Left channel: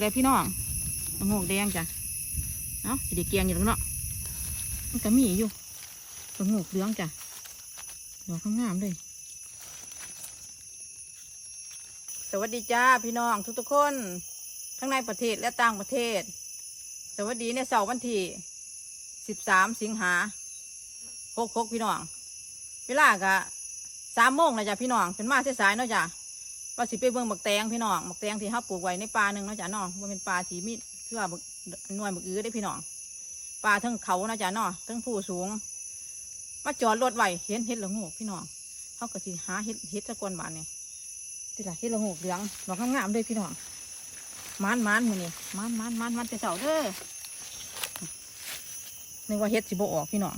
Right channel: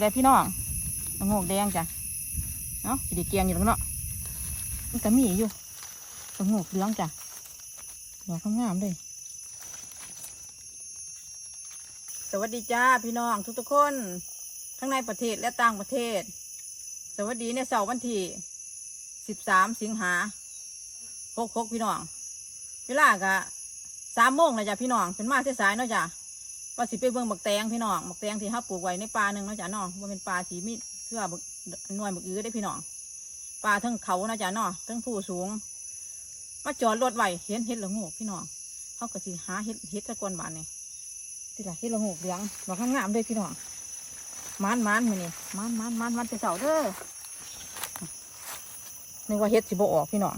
เลยพี่น้องละงกแดงจ้ะเนาะสีเกียงอยู่ตรงเนาะมันก็มีอยู่ละงกเหลืองจ้ะดอกงามเลยสวัสดีจ้าพี่น้องทุกๆคน ทั้งในประเทศและต่างประเทศ สวัสดีในเสาร์วันที่สิบสามสิงหาหกหกพี่น้องเวลากะสามโมงนะจ๊ะพี่น้องเป็นมาเสียสายเนาะจ้ะ ว่าสิไปเบิ่งบักแตงพี่น้องบักแตงที่เขาปลูกไว้ในป่าหนึ่งเนาะจ้ะเนาะว่าเป็นป่าสีมีเพื่อบักหน่วยบักอื้อได้พี่น้องป่าทั้งเขาเนาะจ้ะเนาะทั้งผู้สูงมาจอดรถไว้เห็นเห็ดละโงกพี่น้องเขาก็สิหาเห็ดเห็ดตะกอนบานนี่ที่ละเห็ดละโงกเหลืองดอกงามๆเลยพี่น้องมานมานมือนี่มานมานมานมันไปเสาเด้อนี่ว่าเห็ดสิบออกพี่น้อง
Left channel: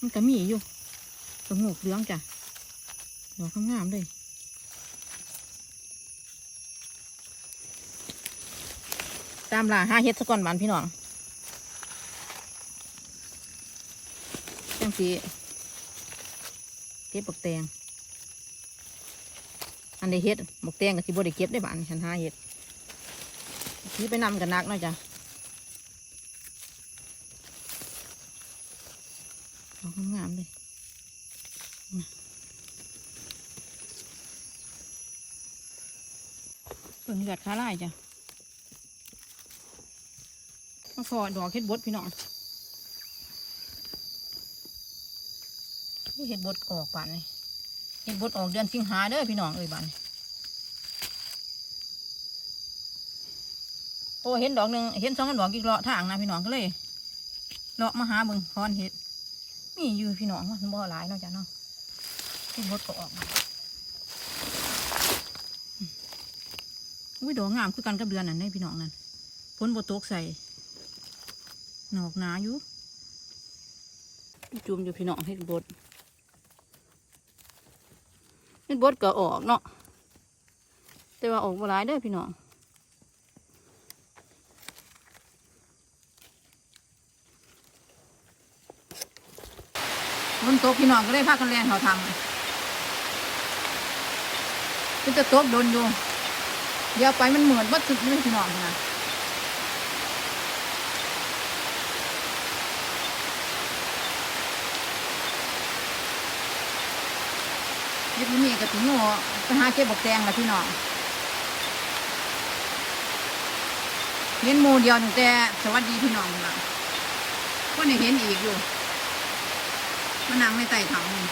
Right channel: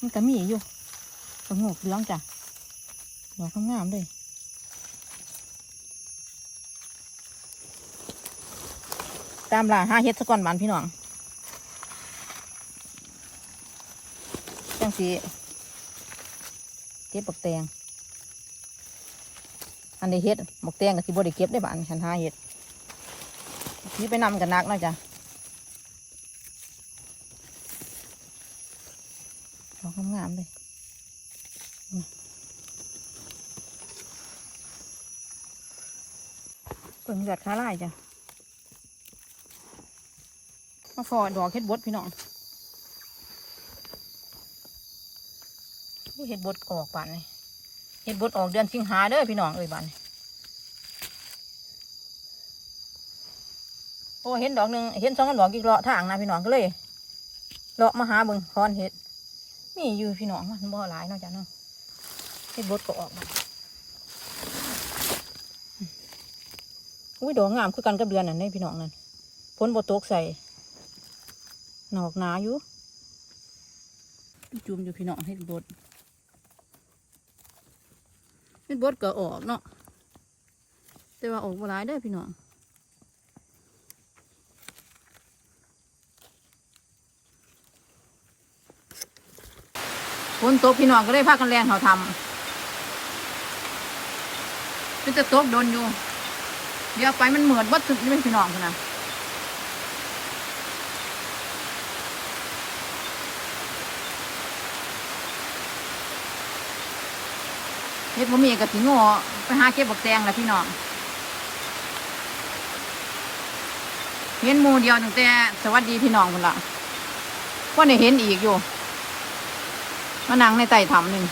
มันก็มีอยู่สงบเหลืองจ้ะดอกงามๆเลย ตามล่าห้าเฮ็ดสะก่อนบานพี่น้องจังสีเก็บบักแตง อันใดเฮ็ดบักแตงกับสิบ่ได้เก็บได้บานฉันห้าเฮ็ดนี่ไปนำกันนักเนาะจ้ะดอกงามเลยเปิงเลือดขาลายจ้ะ มาฟอดอกเฮ็ดบดพี่น้องเฮ็ดบดออกบานนี่เฮ็ดบดออกเดือนสิงหาเด้อพี่น้องเอ้ยบานโอ้เห็นดอกหนึ่งเห็นสองดอกอีกเลาะทางนะพี่น้องก็เลยเลาะมาหาเบิ่งคอนเฮ็ดมีอยู่พี่น้องมันบ่หลายเนาะจ้ะเนาะเฮ็ดบดก็ออกมาอุ้ยดอกงามคือกันกับเดือนนั่นเด้พี่น้องนั่นฝนบ่ตกใส่ หนอกหนาอยู่ จุ่มอยู่พี่น้องเฮ็ดบดเฮ็ดบดก็ออกเนาะแต่ว่าออกบ่หลายเด้อพี่น้องฝนตกพี่น้องก็เลยพากันแรงเขาทำมันจะตกโดนอยู่ เดี๋ยวไปมันเหมือนวัดสุดนี่เป็นพี่น้องคนนะ เฮ็ดผมมีกะทิโง่ไปหาเก็บบักแตงแหละพี่น้องเห็นหมูเดียวตั้งแต่สวัสดีพี่น้องคนละว่าได้เห็นอีกอยู่มานั่งในไต่ถ้ำนี่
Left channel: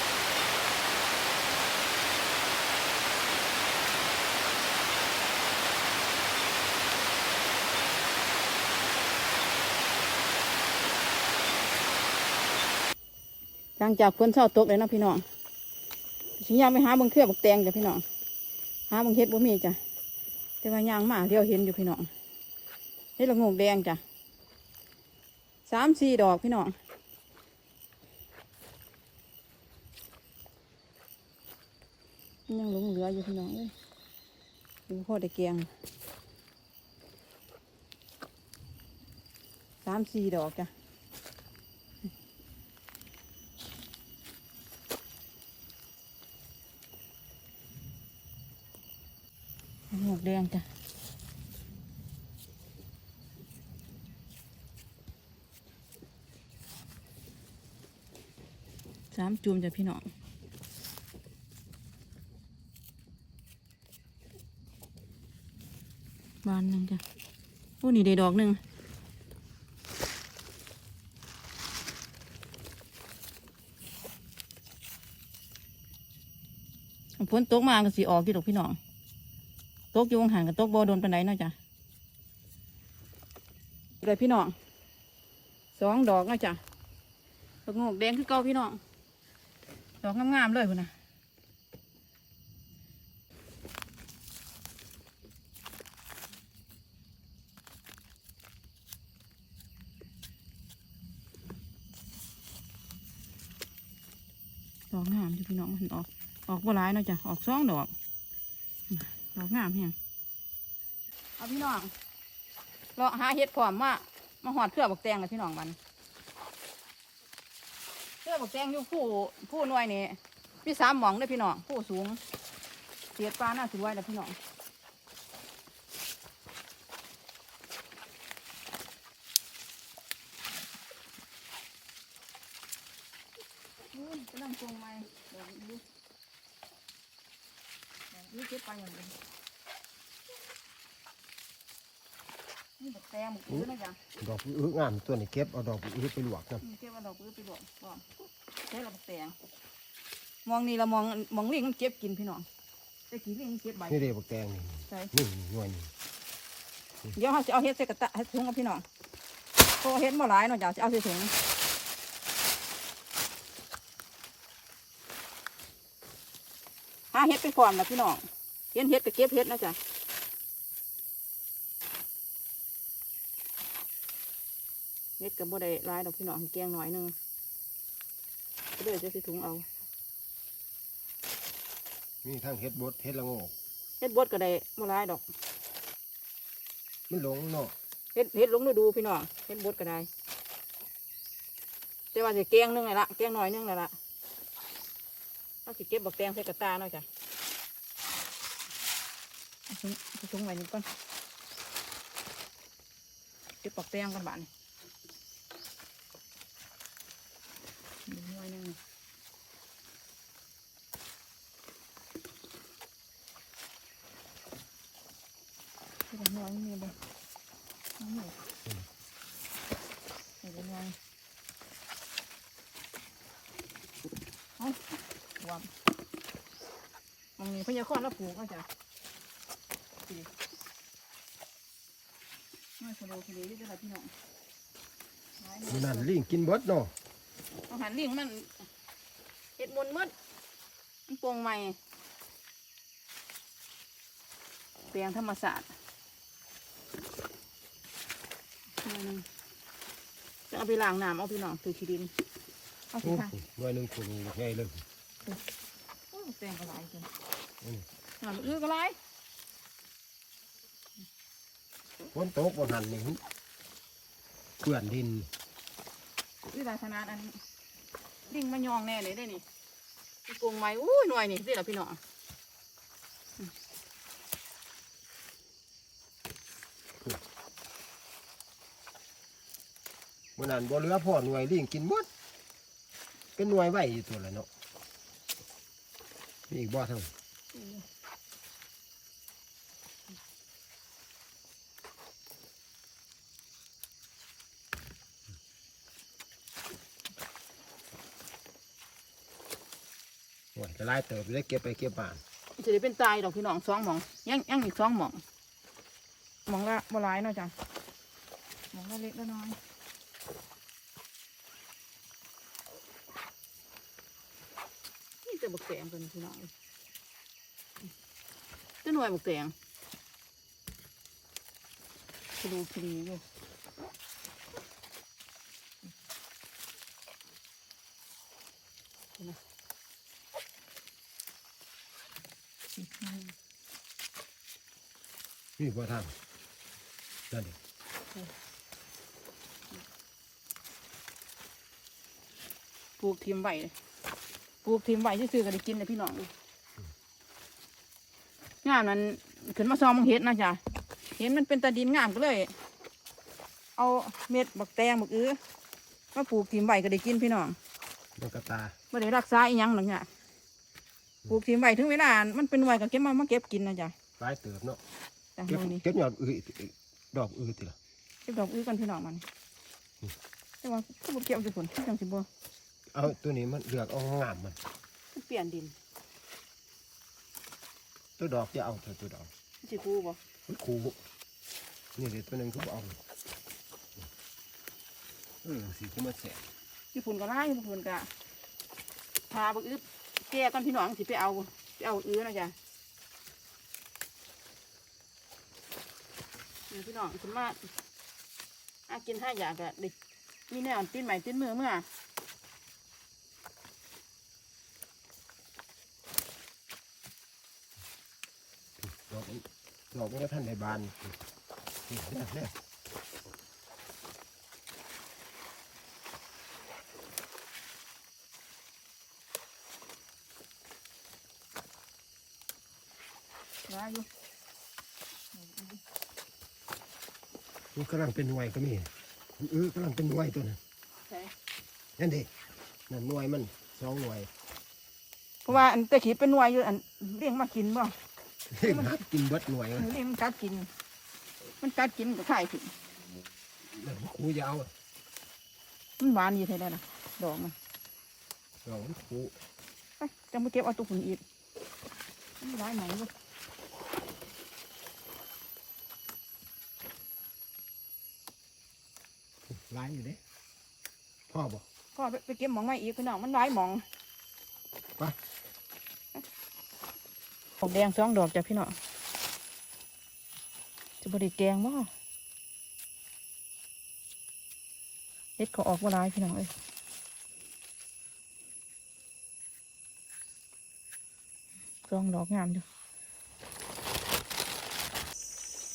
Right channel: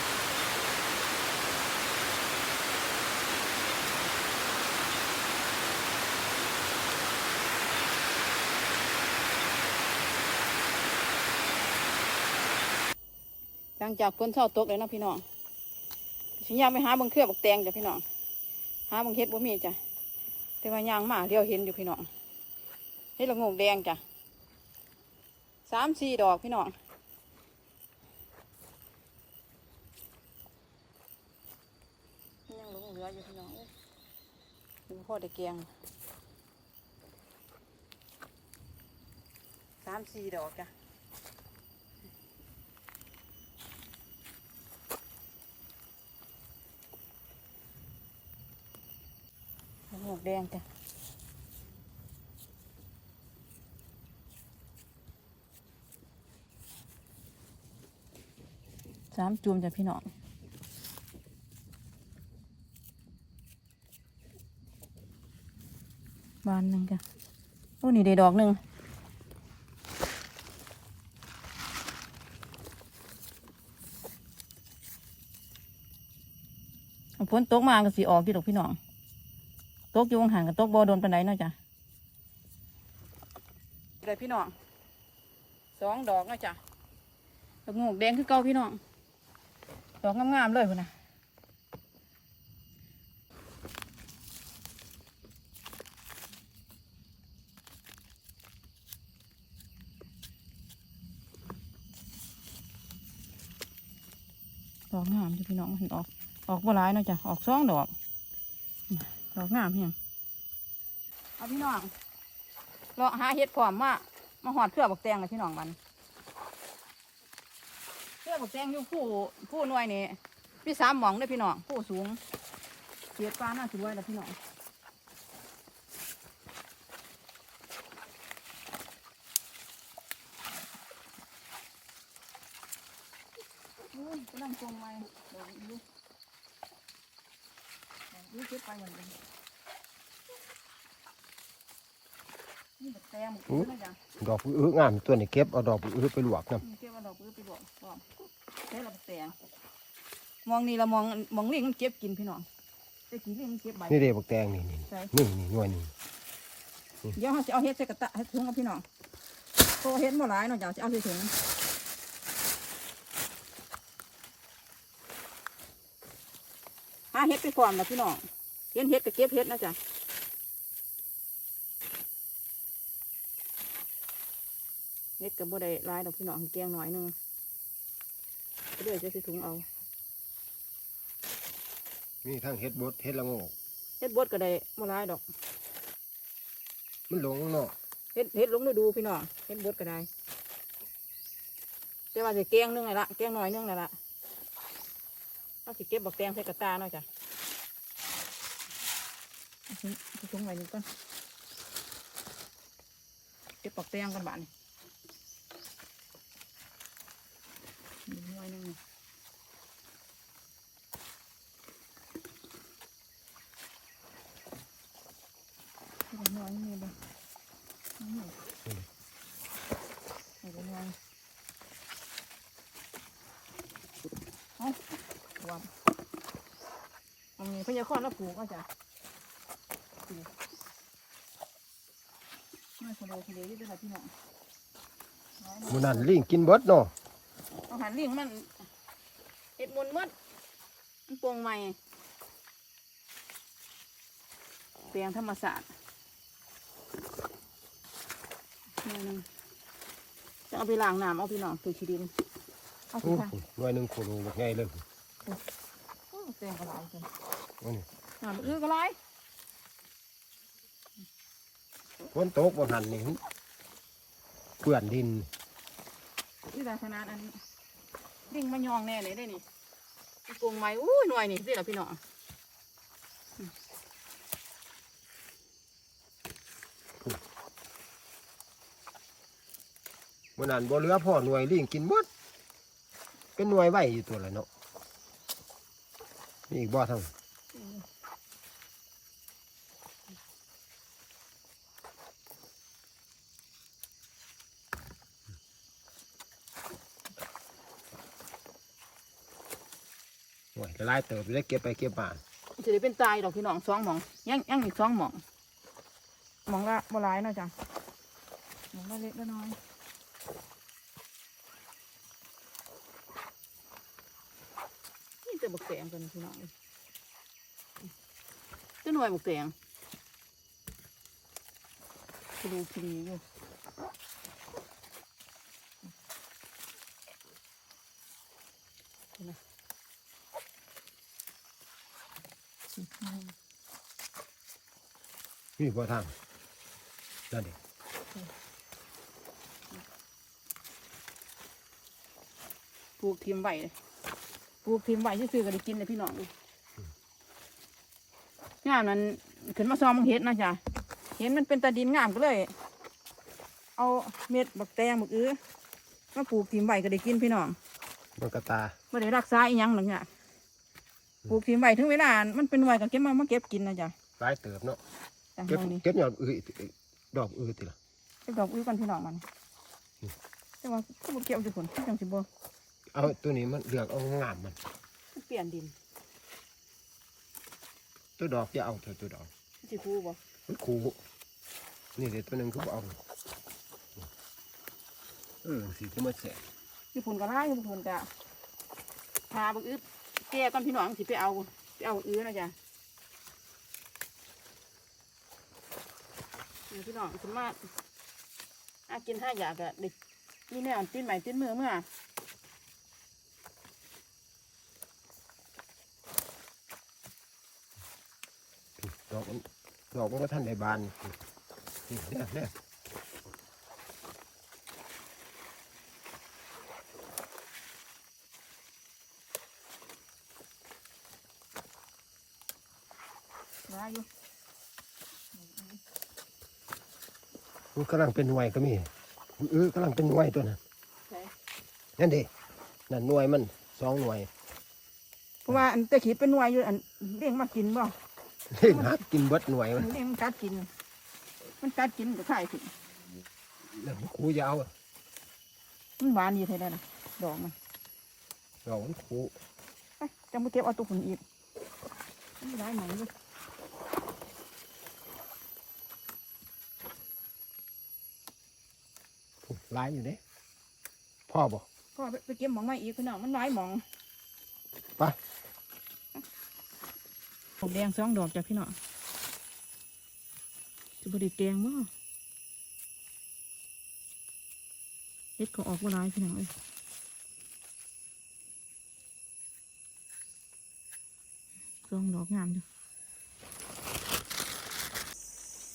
หลังจากฝนเช้าตกเลยนะพี่น้อง ฉันอยากไปหาบังเครือบักแตงจ้ะพี่น้องหาบังเฮ็ดบ่มีจ้ะแต่ว่ายางมาเดียวเห็นอยู่พี่น้องเฮ็ดละโงกแดงจ้ะสามสี่ดอกพี่น้องยังหลงเหลืออยู่พี่น้องเอ้ยดูพ่อได้แกงสามสี่ดอกจ้ะ หมวกแดงจ้ะสามจุ่มจ้ะพี่น้องบานหนึ่งจ้ะโอ้นี่ได้ดอกหนึ่งฝนตกมาก็สีออกที่ดอกพี่น้อง ตกอยู่วงหันกับตกบอโดนปันไดเนาะจ้ะเลยพี่น้องสองดอกเนาะจ้ะดอกโงกแดงคือเก่าพี่น้องดอกงามๆเลยคุณนะดอกงามอยู่พี่น้องมันออกออกบ่หลายเนาะจ้ะออกสองดอกด อกงามเฮียงเอาพี่น้องเราหาเห็ดพร้อมมามาหอดเครือบักแตงเลยพี่น้องมันเครือบักแตงอยู่ผู้ผู้หน่วยนี่พี่สามหมองเลยพี่น้องผู้สูงเสียดปลาหน้าสวยเลยพี่น้อง ลังทรงไม้ดอกอื้อดอกอื้อเก็บไปเหมือนกันนี่บักแตงบักอื้อนะจ๊ะ ดอกอื้องามตัวนี้เก็บเอาดอกอื้อไปลวกนะอืมเก็บเอาดอกอื้อไปบอกก่อนใช้ละบักแตงมองนี่เรามองมองลิงมันเก็บกินพี่น้องแต่กี่ลิงมันเก็บใบนี่เด้บักแตงนี่ใช่นี่นี่นวลนี่เดี๋ยวเขาจะเอาเฮ็ดใส่กระตะให้ถุงกับพี่น้องโตเฮ็ดบ่หลายเนาะจ้ะจะเอาใส่ถุงหาเฮ็ดไปพร้อมนะพี่น้องเห็นเฮ็ดก็เก็บเฮ็ดนะจ๊ะเฮ็ด กับบ่ได้หลายดอกพี่น้องแกงหน่อยหนึงก็เลยจะใส่ถุงเอา มีทั้งเฮ็ดบดเฮ็ดละโงกเฮ็ดบดก็ได้บ่หลายดอก มันหลงเนาะเฮ็ดเฮ็ดลงฤดูพี่น้องเฮ็ดบดก็ได้แต่ว่าจะแกงนึงไงละแกงหน่อยนึงนั่นละเอาสิเก็บบักแตงใส่กระตาหน่อยจ้ะเอาถุงเอาถุงไว้นี่ก่อนเก็บบักแตงกันบ้านนี่นี่ หน่อยนึงนี่เก็บหน่อยนี่บ่าหน่อยเอาหน่อยเอาวางอันนี้พญาคอนแล้วปูกก็จะปลูกไม่ทะเลทะเลด้วยค่ะพี่น้องน้อยหน่อยมื้อนั้นลิงกินเบิดเนาะ อาหารลิงมันเห็ดมนต์หมดมันโปร่งใหม่เปลียงธรรมศาสตร์นี่นึงจะเอาไปล้างน้ำเอาพี่น้องถือขี้ดินเอาสิโอ้ค่ะหน่วยหนึงโคโลใหญ่เลยโอ้เปลียงก็หลายจริงอืมน้ำอื้อก็หลายฝนตกบ่หันนี่เปื้อนดินอื้อหลายขนาดอัน ลิงมายองแน่เลยได้นี่มันโปร่งไม้อู้หน่วยนี่สิล่ะพี่น้องมื่อนั้นบ่เรือพ่อหน่วยลิงกินเบิดเป็นหน่วยไว้อยู่ตัวละเนาะมีอีกบ่ทั้ง โอ้ยละลายเติบอยู่ได้เก็บไปเก็บมาจะได้เป็นตายดอกพี่น้องสองหมองยังยังอีกสองหมองหมองละบ่หลายเนาะจ้ะหมองละเล็กละน้อยนี่จะบักแตงกันพี่น้องจะหน่วยบักแตงคดูคดีอยู่เห็นไหม นี่บ่ทางนั่นเองปลูกทีมไว้เลยปลูกทีมไว้ซื้อๆก็ได้กินเลยพี่น้องงามนั้นขึ้นมาซ้อมมังเฮ็ดนะจ๊ะเห็นมันเป็นตาดินงามก็เลย เอาเม็ดบักแตงบักอื้อมาปลูกทีมไว้ก็ได้กินพี่น้องมันกระตาไม่ได้รักษาอีหยังหรอกเนี่ย ปลูกทีมไว้ถึงเวลา มันเป็นหน่วยก็เก็บมามาเก็บกินนะจ๊ะหลายเติบเนาะจ้ะเก็บมองนี่เก็บยอดอื้อดอกอื้อติล่ะเก็บดอกอื้อกันพี่น้องมันอืมแต่ว่าก็บ่เก็บจุผลที่จังสิบ่เอาตัวนี้มันเลือกเอางามมัน มันเปลี่ยนดินตัวดอกจะเอาเถอะตัวดอกมันสิคูบ่มันคูนี่เดี๋ยวตัวหนึงเขาเอาเออสีก็มาแสบญี่ปุ่นก็ได้ญี่ปุ่นก็พาบักอึด แก่ก่อนพี่น้องสิไปเอาไปเอาอื้อนะจ๊ะนี่พี่น้องคุณมาอากินห้าอย่างก็เด็กมีแนวตีนใหม่ตีนมือเมื่อดอกดอกมันก็ท่านในบานนี่เนี่ ยเนี่ยได้อยู่มันกำลังเป็นหน่วยก็มีอื้อกำลังเป็นหน่วยตัวนั้นใช่นั่นดินั่นหน่วยมันสองหน่วย เพราะว่าอันตะขีเป็นหน่วยอยู่อันเลี้ยงมากินบ่หากินเบิดหน่วยอัมันนเลี้ยงมันกัดกิน มันกัดกินก็ขายผิดแล้วครูยาวมันหวานดีเท่าได้ล่ะดอกมันดอกมันครูไปจังไปเก็บเอาตัวผุนอีกมันได้ไหมลูก หลายอยู่เด้พ่อบอกก็ไปไปเก็บหมองไม้อีกพี่น้องมันหลายหมองไปดอกแดงสองดอกจ้ะพี่น้องจะบไดิแกงมั้งเล็ดก็ออกว่าร้ายพี่น้องเอ้ยสองดอกงามอยู่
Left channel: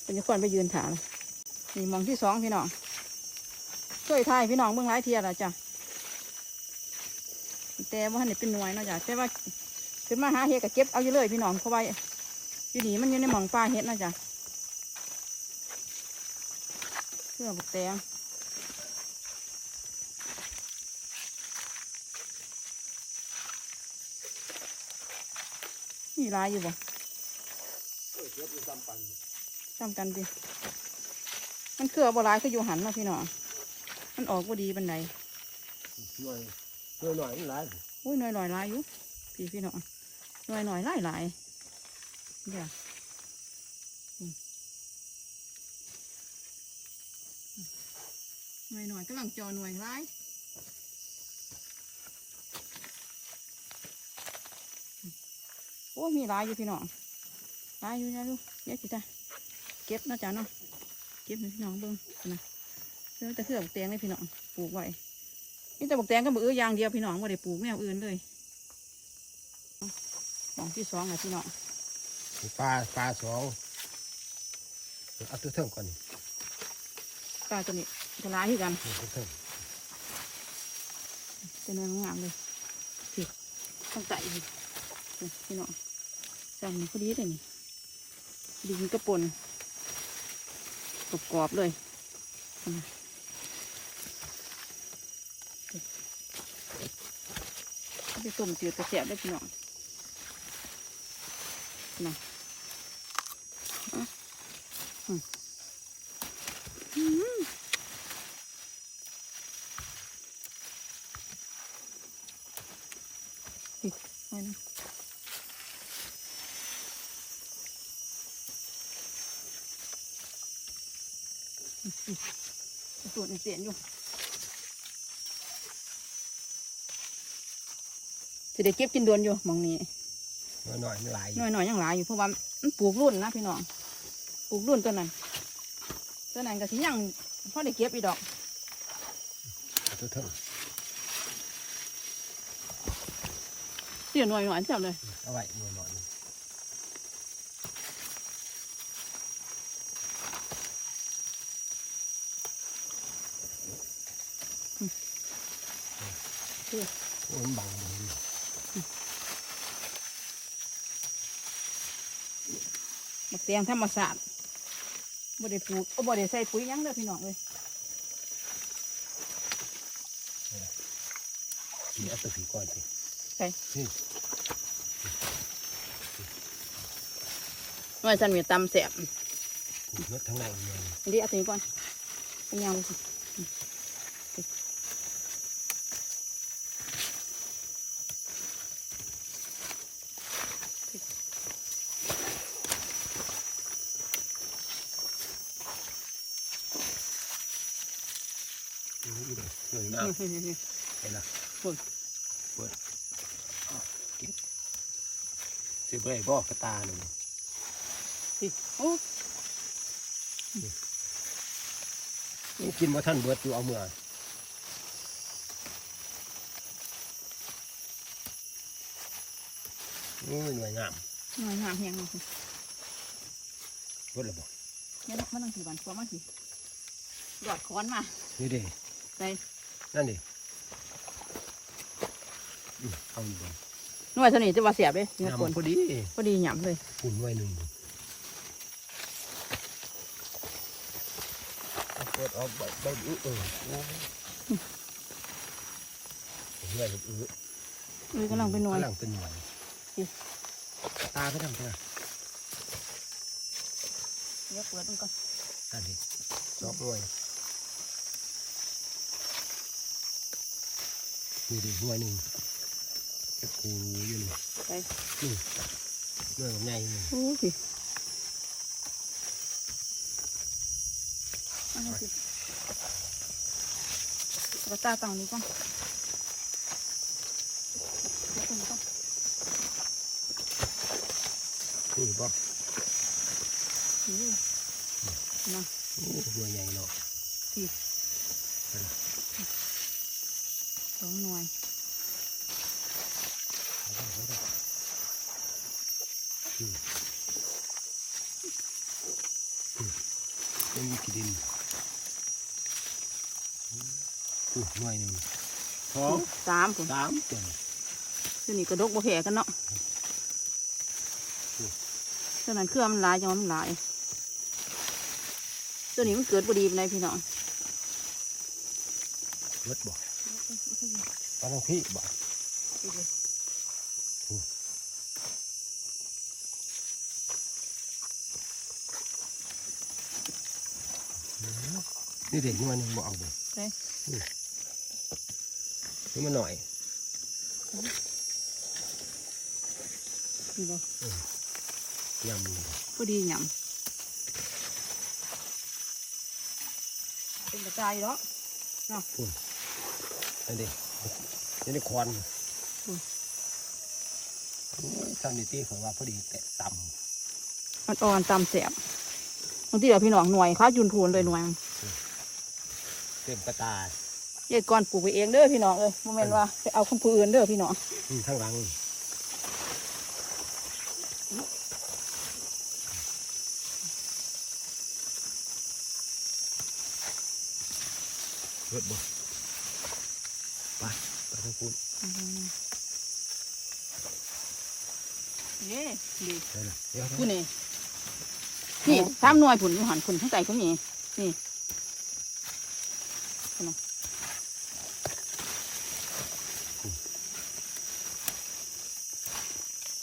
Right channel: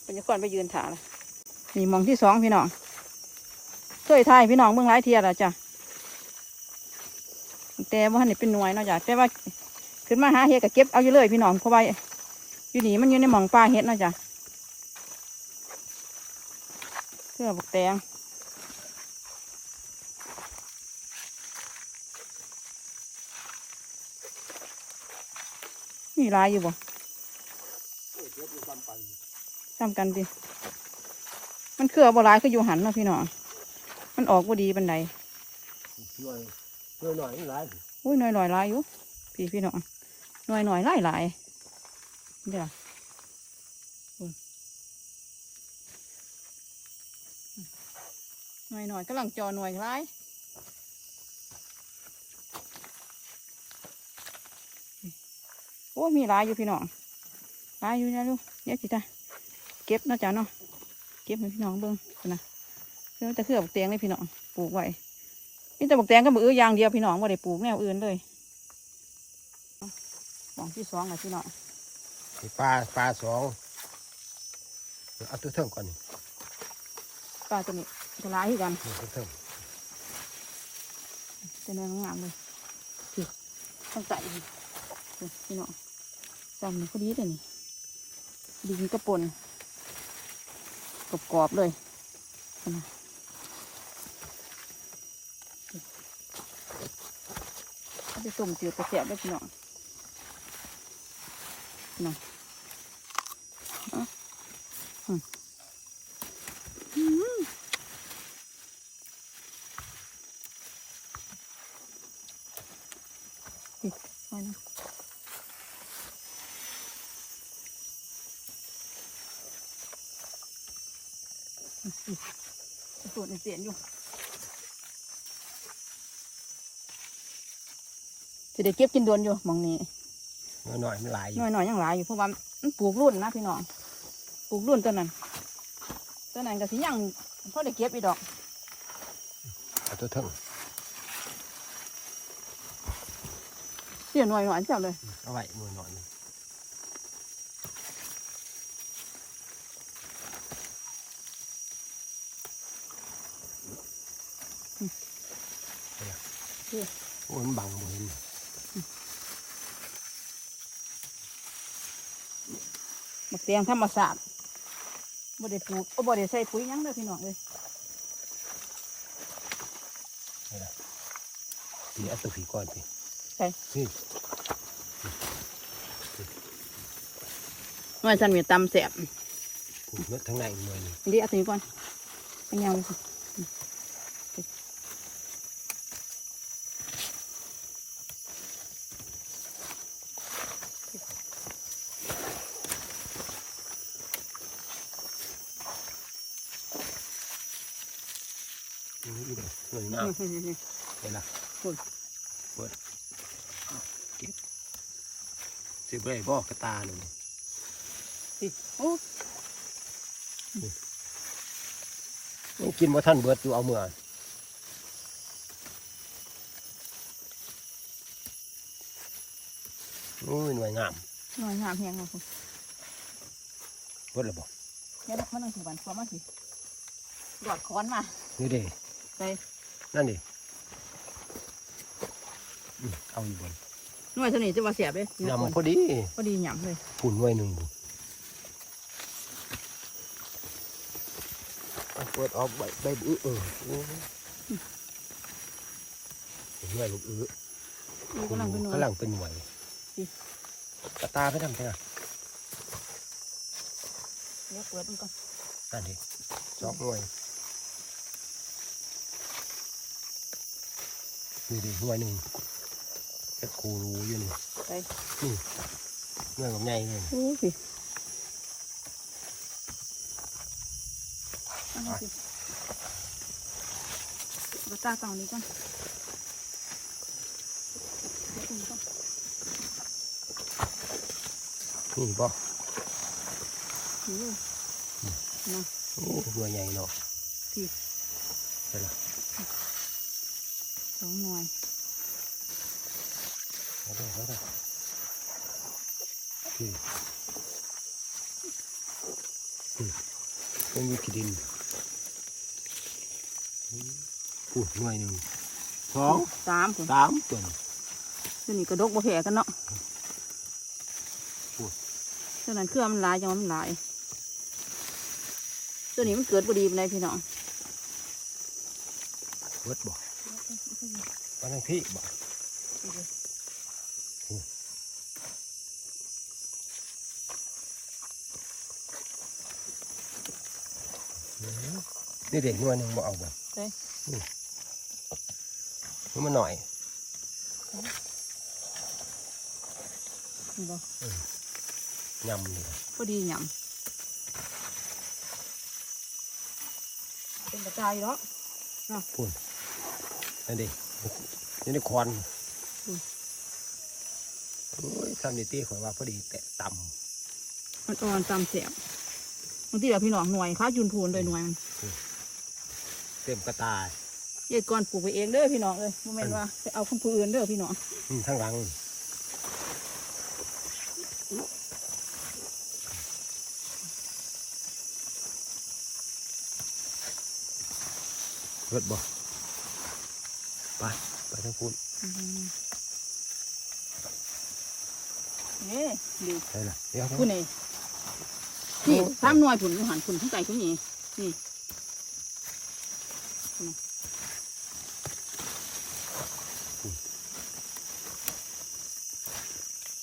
เป็นจะก่อนไปยืนถามนี่หมองที่สองพี่น้อง ช่วยทายพี่น้องเมืองหลายเทียแล้วจ้ะแต่ว่านี่เป็นหน่วยเนาะจ้ะแต่ว่าขึ้นมาหาเห็ดก็เก็บเอาอยู่เลยพี่น้องเพราะว่าอยู่นี่มันอยู่ในหม่องปลาเห็ดเนาะจ้ะเพื่อบักแตงมีหลายอยู่บ่ตามกันดิมันเครือบ่หลายคืออยู่หันเนาะพี่น้อง มันออกบ่ดีบันไดหน่วยหน่วยหน่อยนี่หลายอุ้ยหน่อยหน่อยๆหลายอยู่พี่พี่น้องหน่อยหน่อยๆหลายหลายเดี๋ยวอืมหน่อยหน่อยๆกำลังจอหน่วยหลายโอ้มีหลายอยู่พี่น้องหลายอยู่นะลูกเดี๋ยวสิจ้ะเก็บเนาะจ้ะเนาะเก็บให้พี่น้องเบิ่งนะ เพื่อจะเคลือบกเตียงไว้พี่น้องปลูกไว้มีแต่บักแตงก็มืออย่างเดียวพี่น้องว่าได้ปลูกแนวอื่นเลยหมองที่สองเลยพี่น้องปลาปลาสองเอาตัวเทิงก่อนนี่ปลาตัวนี้จะร้ายที่กันนี่ตัวเทิงเป็นเนื้องามเลยพี่ต้องใส่อีกนี่พี่น้องจอมนี่พอดีเลยนี่ดินกระปนกรอบๆเลย นี่เอาไปต้มจืดกระเสียบได้พี่น้องนี่อาอืมอืมอีกหน่อยหนึงอีกอีกส่วนในเสียนอยู่ จะได้เก็บกินดวนอยู่หมองนี้หน่อยหน่อยมันหลายอหยู่น่อยหน่อยๆยังหลายอยู่เพราะว่ามันปลูกรุ่นนะพี่น้องปลูกรุ่นตัวนั้นตัวนั้นก็สิยังพอได้เก็บอีกดอกเอาตัวเทิงเสียหน่อยหน่อยจับเลยเอาไว้หน่อยหน่อยนี่เด้อโอ้ยมันบังมือบั กเตียงธรรมศาสตร์บ่ได้ปลูกโอ้บ่ได้ใส่ปุ๋ยหยังเลยพี่น้องเลยนี่เอาตัวผีก่อนสิไปนี่หน่อยฉันมีตำแสบผูกเนื้อทั้งในหน่วยนี่เดี๋ยวเอาตัวนี้ก่อนเอาเงาสิ นี่อีกเลยหน่วย นี่ น้ำ นี่นี่นี่ เห็นละปุ่นเปิดเอาเก็บสิบเลยบอกกระตาหนึ่งสิโอ้ยังกินว่าท่านเบิดอยู่เอาเมื่อโอ้ยหน่วยงามหน่อยงามเฮียงมาคุณเบิดและบอกเดี๋ยวมันนั่งถือบันฟ้ามาสิหยอดค้อนมานี่เด้ใส่ นั่นดิอืมเอาอยู่บนหน่วยเท่านี้จะมาเสียบเลยเนื้อคนยำพอดีพอดีหยำเลยปุ่นหน่วยหนึ่งดิเปิดออกใบใบอื้อเออโอ้ยหน่วยลูกอื้อนี่กำลังเป็นหน่วยกำลังเป็นหน่วยอืมกระตาไปทำไงเดี๋ยวเปิดมันก่อนนั่นดิสองหน่วย นี่ดิหน่วยหนึ่งจะครูรู้อยู่นี่ไปนี่หน่วยกับใหญ่นี่โอ้สิเอามาสิกระตาต่างนี้ก่อนเดี๋ยวตรงนี้ก่อนนี่บ่นี่นะโอ้หน่วยใหญ่เนาะพี่ ไปละ สองหน่วย เอาได้เอาได้อืมอืม ต้องมีขี้ดินอู้หน่วยหนึ่งสองสามผมสามจนตัวนี้กระดกบ่แผลกันเนาะตัวนั้นเครื่องมันหลายจังมันหลาย ตัวนี้มันเกิดบ่ดีปานใดพี่น้องเวิดบ่ตอนนั้นพี่บ่ นี่เด็กหน่วยหนึ่งบ่เอาบ่เอ้ยนี่นี่มันหน่อยนี่บ่ยำนี่บ่พอดีหยำเป็นกระจายอยู่แล้วพุ่นนั่นดินี่ได้ควันอืมโอ้ยซัมนิตี้ข่อยว่าพอดีแตะต่มันอ่อนตามเสียบบางทีเดี๋ยวพี่น้องหน่วยค้าจุนพูนเลยหน่วยมันำ เต็มกระตายยายก่อนปลูกไปเองเด้อพี่น้องเอ้ยโมเมนว่าไปเอาคนผู้อื่นเด้อพี่น้องอืมข้างหลังเลิศบ่ไปไปทางพูนนี่ดีใช่ละเดี๋ยวคุณนี่นี่สามหน่วยผุนหันผุนทั้งใจก็มีนี่คุ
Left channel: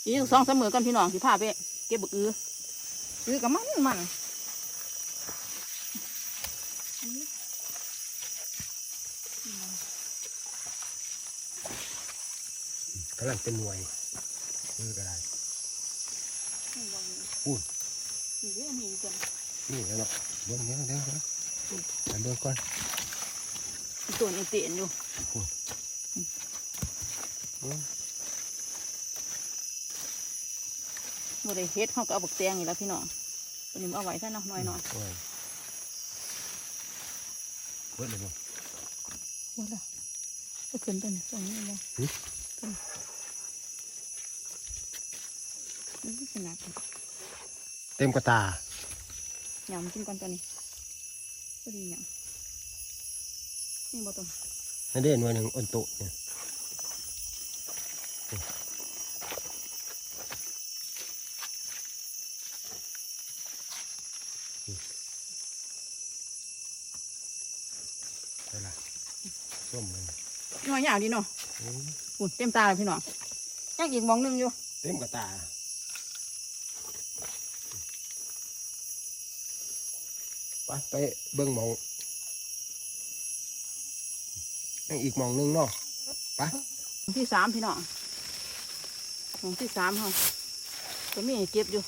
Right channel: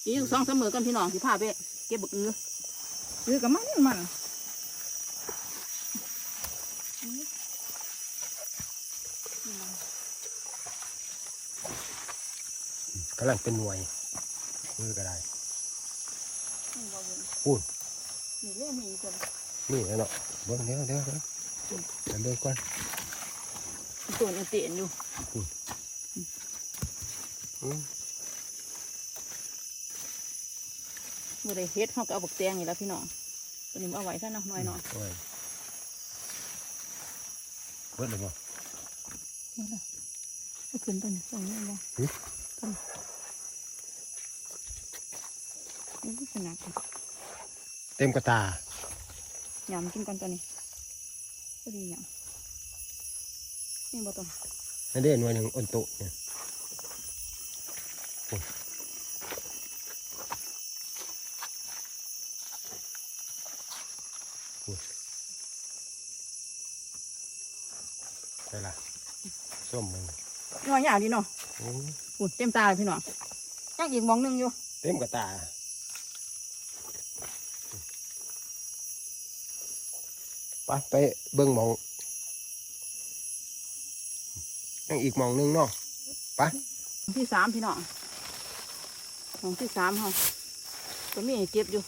อีกสองเสามมอกันพี่น้องสิพาไปเก็บบักอืออือกับมันมันกำลังเป็นหน่วยมือก็ได้พูดนี่เรื่องมีคนนี่แล้วเนาะเบิ่งเดี๋ยวเดี๋ยวเดี๋ยวเดี๋ยวเบิ่งก่อนตัวนี้เตียนอยู่อืม บ่ได้เฮ็ดเขาก็เอาบักแตงนี่แหล้วพี่น้องตัวนี้มันเอาไว้ซะเนาะน้อยหน่อยโอ้ยเบิ่งเลยบ่นี่ละเอาขึ้นตัวนี้ตรงนี้บ่หึต้นนี่ขนาดนี้เต็มกระตายำกินกันตัวนี้พอดียำนี่บ่ต้องนั่นเด้หน่วยหนึ่งอนโตะเนี่ยโอ้ยโอ้ยไปละส้มมัน น้อยยาวดีเนาะโอ้ยอุ่นเต็มตาเลยพี่น้องยังอีกหมองหนึงอยู่ เต็มกระตาไปไปเบิ่งหมองยังอีกหมองหนึงเนาะหม้องที่สามพี่น้องหมองที่สามเขาก็มีให้เก็บอยู่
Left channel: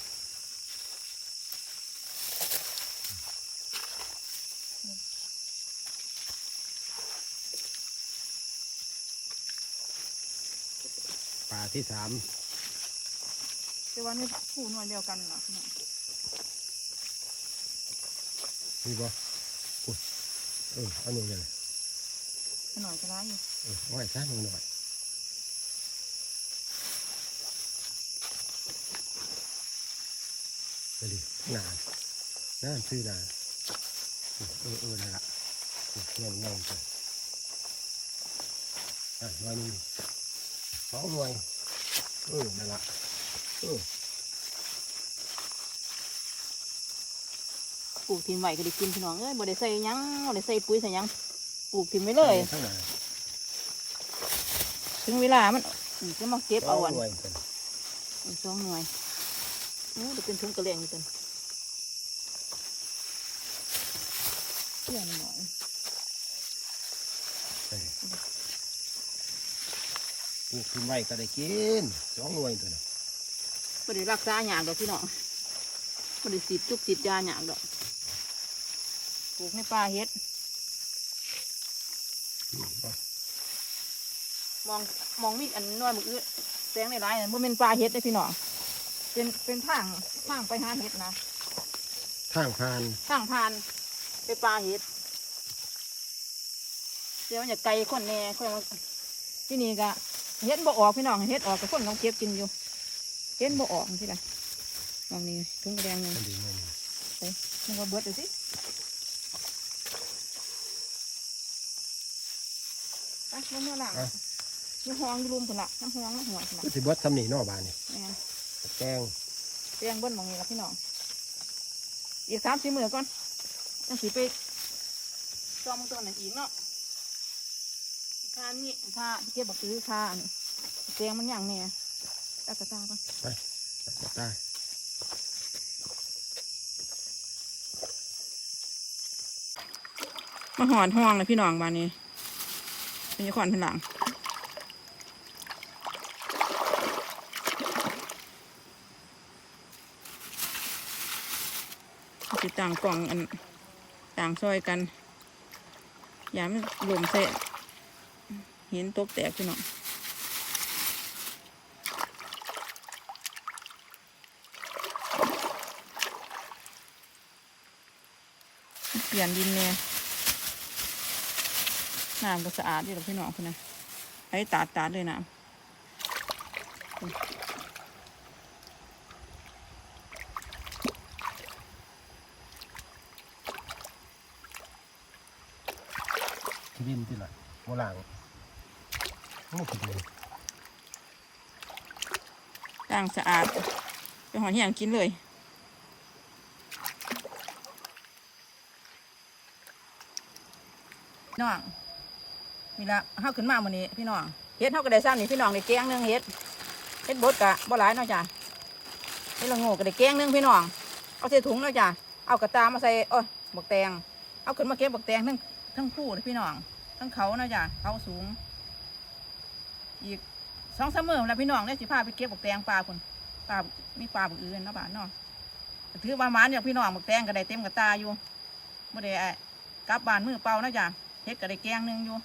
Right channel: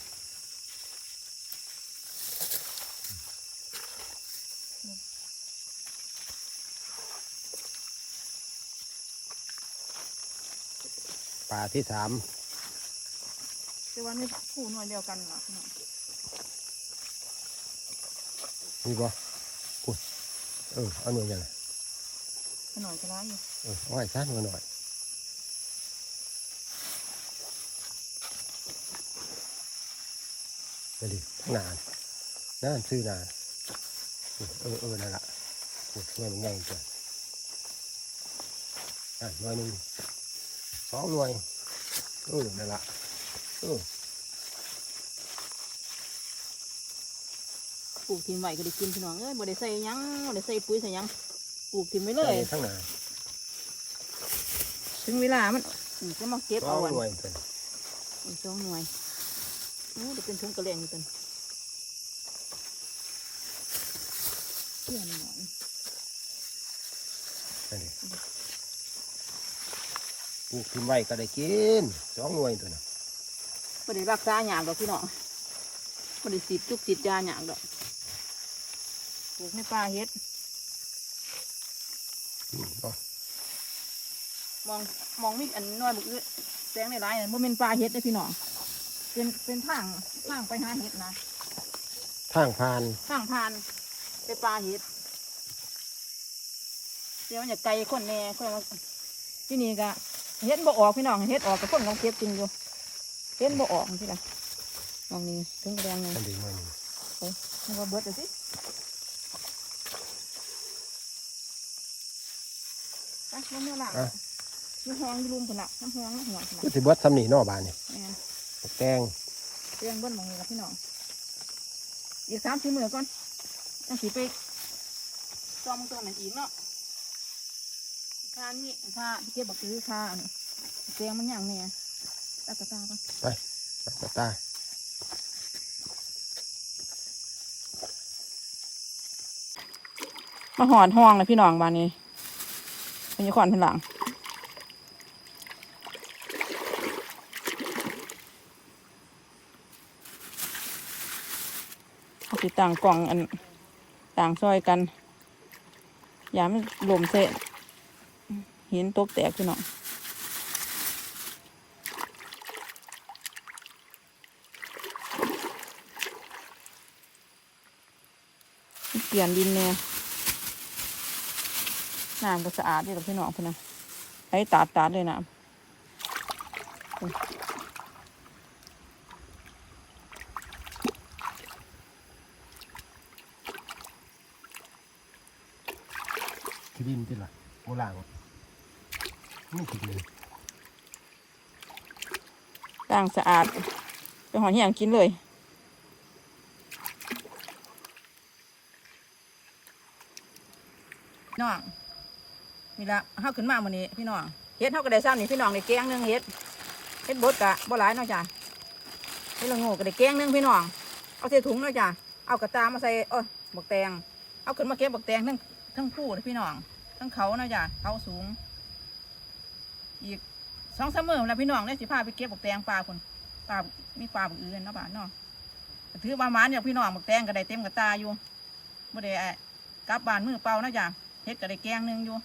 าที่สามแต่ว่านี่คู่หน่วยเดียวกันนะพี่น้องนี่บ่อุ๊ยเออเอาหน่วยยังไงหน่อยก็ได้อยู่เออเอาไว้ซะหน่อยหน่อยไปดินานนานซื้อนานเออเออนั่นละโอ้ยเงี้ยมันใหญ่จังอะหน่วยหนึ่ง สองหน่วยเออนั่นละเออปลูกทิมไว้ก็ได้กินพี่น้องเอ้ยบ่ได้ใส่หยังบ่ได้ใส่ปุ๋ยใส่หยังปลูกทิมไว้เลยทั้งนานถึงเวลามันนี่จะมาเก็บเอาเอาอันหน่วยเพิ่นอีกสองหน่วยโอ้เดี๋ยวเป็นถุงกระเลงอยู่ตันเที่ยนหน่อย นั่นดิ ปลูกขึ้นไว้ก็ได้กินสองหน่วยตัวน่ะไม่ได้รักษาหยากดอกพี่น้องไม่ได้สีดจุกสีดยาหยากดอกปลูกในป่าเฮ็ดอืมเอามองมองมีอันน้อยมืออื้อแสงในร้ายน่ะมันเป็นป่าเฮ็ดได้อพี่น้องเป็นเป็นทางทางไปหาเฮ็ดนะทางผ่านทางผ่านไปป่าเฮ็ดเดี๋ยวมันจะไกลคนแน่คนมาที่นี่ก็ เฮ็ดบ่ออกพี่น้องเฮ็ดออกกับคนกำลังเก็บกินอยู่เฮ็ดบ่ออกที่ละมองนี่ถึงแดงเลยนั่นดีหน่วยหนึ่งมึงว่าเบิดเลยสิไปลงเมื่อหลังอยู่ห้องอยู่รุมพุ่นละน้ำห้องน้ำหัวพุ่นละก็สิเบิดซ้ำนี่เนอบานนี่แม่นแกงเตียงเบิ้ลมองนี่ละพี่น้องอีกสามสี่มือก่อนยังสีไปซ้อมตัวไหนนอีกเนาะ ค่านี่ค่าที่เก็บบักซื้อค่าอันนี้เตียงมันอย่างเนี่ยตักกระตาก่อนไปตามาหอนห้องเลยพี่น้องบ้านนี้มีขวัญพนหลังเอาสิต่างกล่องอันต่างซอยกันยามนลมเสะ หินตกแตกพี่น้องเปลี่ยนดินเนี่ยน้ำก็สะอาดดีหรอพี่น้องพี่นะไอ้ตาดตาดเลยน้ขี้ดินที่ละโบราณ นี่ขี้ดินำล้างสะอาดไปหอนอย่างกินเลยพี่น้องมีละเฮาขึ้นมาวันนี้พี่น้องเฮ็ดเฮาก็ได้ซ้ำนี่พี่น้องได้แกงหนึงเฮ็ดเฮ็ดบดกะบ่หลายเนาะจ้ะเฮ็ดละโง่ก็ได้แกงหนึงพี่น้องเอาใส่ถุงเนาะจ้ะเอากระตามาใส่เอ้ยบักแตงเอาขึ้นมาเก็บบักแตงทั้งทั้งคู่เลยพี่น้องทั้งเขาเนาะจ้ะเขาสูง อีกสองสามมื้อแล้วพี่น้องเนี่ยสิพาไปเก็บบักแตงปลาคนปลามีปลาบักอื่นเนาะบ้านเนาะถือประมาณเนี่ยพี่น้องบักแตงก็ได้เต็มกระตาอยู่บ่ได้อะกลับบ้านมือเปล่านะจ้ะเฮ็ดก็ได้แกงหนึงอยู่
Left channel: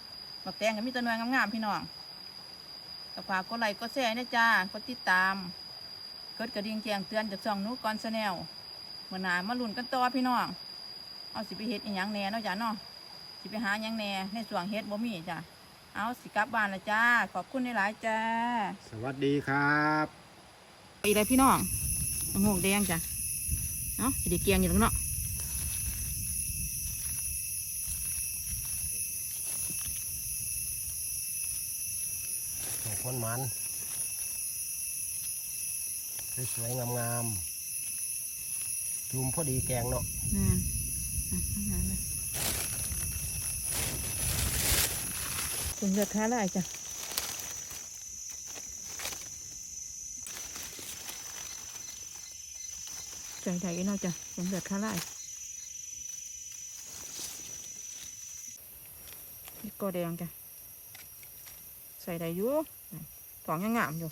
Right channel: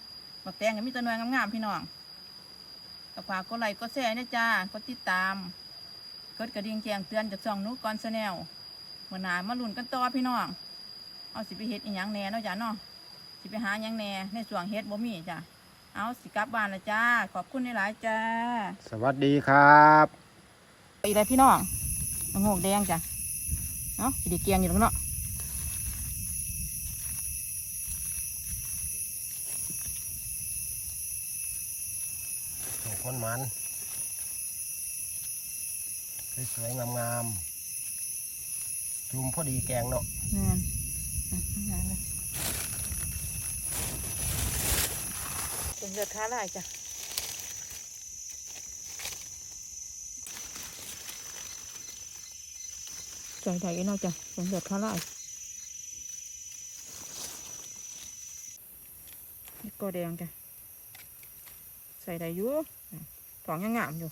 บักแตงก็มีตัวหน่วยงามๆพี่น้องก็ฝากกดไลค์กดแชร์นะจ้ากดติดตามกดกระดิ่งแจ้งเตือนจากช่องนูก่อนแนลมื่อนามาลุ้นกันต่อพี่น้องเอาสิไปเฮ็ดอีหยังแน่เนาะจ้ะเนาะสิไปหาหยังแน่ในส่วงเฮ็ดบ่มีจ้ะ เอาสิกลับบ้านละจ้า ขอบคุณหลายๆจ้า สวัสดีครับไปเลยพี่น้องมะงกแดงจ้ะเนาะสิไดีเกียงอยู่แล้วเนาะโอ้คนมันสวยๆงามๆจุ่มพอดีแกงเนาะนี่นอะ ทำงานเลยเป็นเลือดค้าลายจ้ะใจใดเนาะจ้ะเป็นเลือดค้าลายนี่ก็แดงจ้ะใส่ได้อยู่อะของยังงามอยู่